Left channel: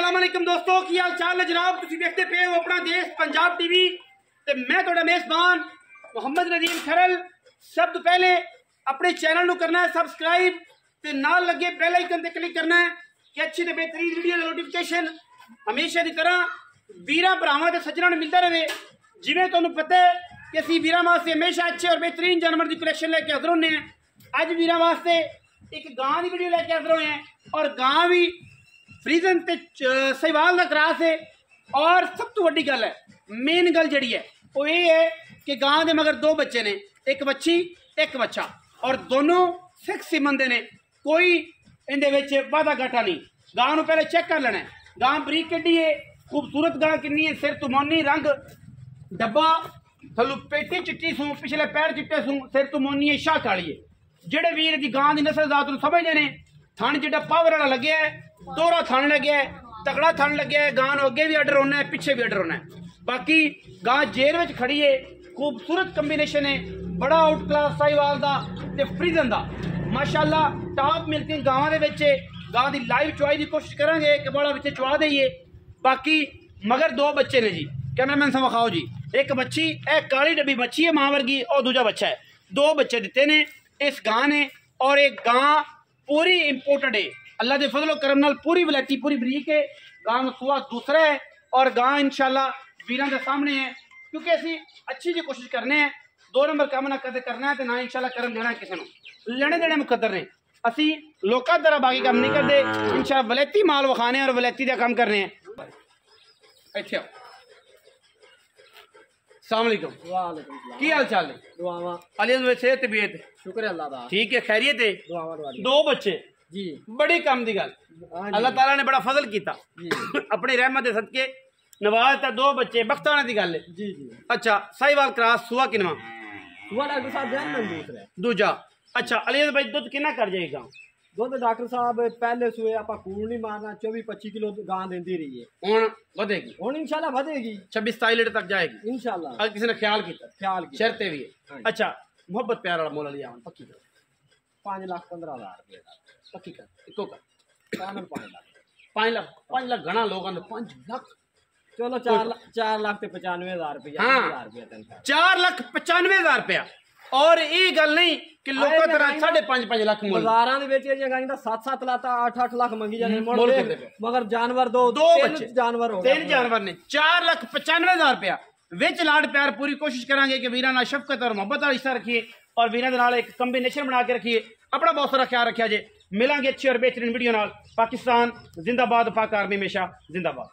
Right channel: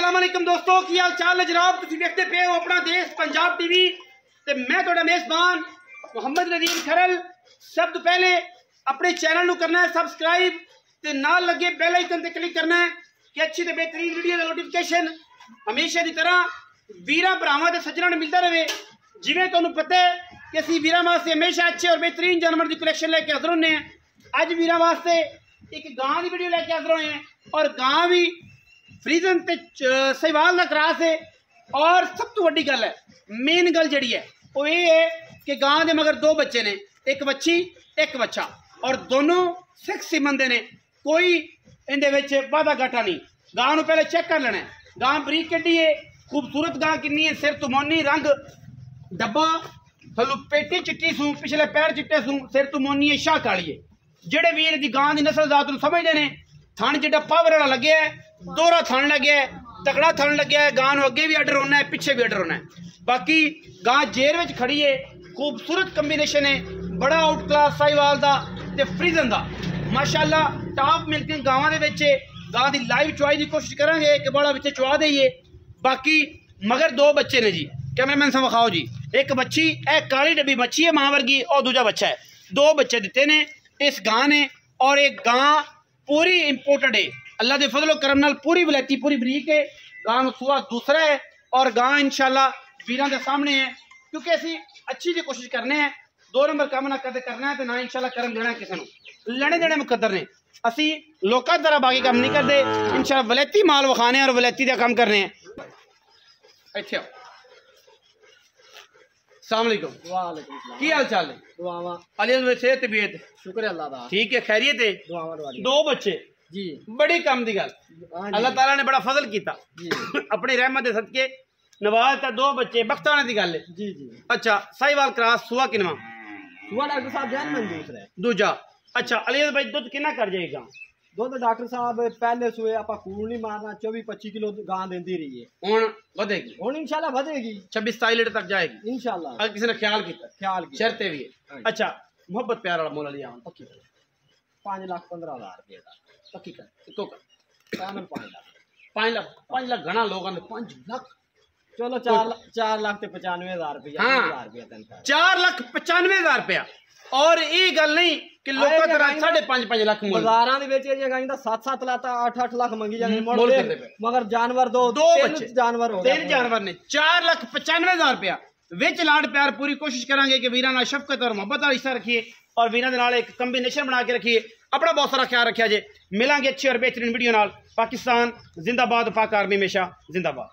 अस्सलाम वालेकुम दोस्तों, की हाल चाल है जनाब। तुम देखते पे हो अपना देश पंजाब टीवी ते मैं थोड़ा मेजबान मोहम्मद नदीम खरल। सब तो पहले अपने चैनल को करना है सब्सक्राइब ते नाल लगे बेल आइकन ते क्लिक करना है कि अच्छी ते बेहतरीन वीडियो का नोटिफिकेशन हमेशा की तरह वीरा भरावां ते सज्जनां नूं मिलता रहे। जिवें तुहानूं पता है कि असीं वीरां वास्ते हमेशा अच्छे और बेहतरीन जानवर की कलैक्शन लैके हाज़र होने हैं। अज वीरां वास्ते एक गां की वीडियो लैके हाज़र होए हैं और गां भी फ्रीजन ते सहवाल का क्रॉस है। और सब तो वड्डी गल है, मेन गल जिहड़ी है वो ये है कि गां दे मगर दो बच्चे ने, एक बच्ची एक बच्चा, और दोनों सिक्स सिमन दे ने। कोई इहदे विच वाधा घाटा नहीं। गां नूं पहले चेक कर लेना है, गां बरीक किड्डी है, खूबसूरत गां किन्नी है, सिर तो मोनी रंग डब्बा, थल्लों पेटी चिट्टी सूं, पिछले पैर चिट्टे सूं, सिर तो मोनी है, शाह काली है। जेड़े वीर दी गां दी नस्ल जात नूं समझदे ने, थण जिहड़ा पावर वाला लग्या है, दोहरा थण लग्या है, तगड़ा थण लग्या है, गां नूं अगे भी अडर होना है, पिछे भी अडर होना है। बाकी गां जेर विच खड़ी है, खूबसूरत कंबीनेशन है, बड़ा आउट क्लास साहिवाल दा ते फ्रीजन दा माशाअल्लाह टॉप मिल्किंग गावां दे विच। गां दी लाइव चुआई की कोशिश करांगे कि बड़ा विच चुआ देइए। बाकी मगर दो बच्चे ने जी, कैमरामैन साहब विखाओ जी। एक बच्ची ए काली डब्बी बच्ची है मां वर्गी, और दूजा बच्चा है। दो बच्चे दिते ने इस गां ने, और एक गां पूरी इंपोर्टेड है, अल्लाह के फजलो करम नाल पूरी वलैती पूरी बरीक है। गां सुआ दूसरा है और गां इंशाल्लाह वीरां दे सामने है, क्योंकि असी अच्छी जी कोशिश करने हैं। दो नंबर काम ना कदे करना है तो ना इंशाल्लाह करम देना किसी को। लेने देने मुकद्दर ने, असी लोकां तरह बाकी काम नहीं करते। इंशाल्लाह वलैती माल विखाने और वलैती का काम करने हैं। इत्थे आओ। अस्सलाम वालेकुम। वालेकुम सलाम। की हाल चाल है? दुआवां अलियस में सेहत तबीयत शुक्र है अल्लाह दा। ठीक है, खैरियत है? दुआवां दवारी दो बच्चे जी, बड़ी कम दी गल, हाँ अल्लाह जी ताला ने बड़ा फजल किया जी अपनी रहमत दे सदके नवाज। दो बच्चे बख्ताने दी गल है। जी जी। अच्छा, साहिवाल क्रॉस सुआ किनवा? सुबह डॉक्टर साहब ध्यान में दूसरा है दूजा। अच्छा, अलियस भाई दुध कितना कर जाएगा? दुध डॉक्टर साहब पहले सुए आप कूड़ नहीं मारना, 24-25 किलो गां देती रही है। हुण वधेगी, हुण इंशाल्लाह बढ़ेगी, 26-27 लीटर तक जाएगी इंशाल्लाह। अगर किसी ने ख्याल किया, ख्याल की शर्तें भी है। हाँ जी। अच्छा, मोहब्बत प्यार वाला मोल लिया पक्की कर, 5,15,000 रुपये का पक्की कर, इको कर। पैनल 5 लाख 5 लाख घना लोग आंदे 5 लाख। चलो 4 लाख ते 95,000 रुपया। हाँ। 1000 रुपया तनख्वाह 4,95,000 रुपया। और ये गल नहीं कि लोगों तरह 5.5 लाख मोल बाजारां दे विच ये गां दा 7-7 लाख 8-8 लाख मंगी जांदे मोल करदे पे। मगर जानवर दो बच्चे जानवर हो गए, 3 जानवर ने 4,95,000 रुपया विच लाड प्यार। पूरी कोशिश करांगे कि वीरां नाल शफकत और मोहब्बत वाला रिश्ता रखिए और वीरां दे नाल एक कंबीनेशन बना के रखिए। अपना बहुत सारा ख्याल रखिया जे। मिलांगे अच्छी और बेहतरीन वीडियो नाल। पाकिस्तान जिंदाबाद, पाक आर्मी हमेशा जिंदाबाद।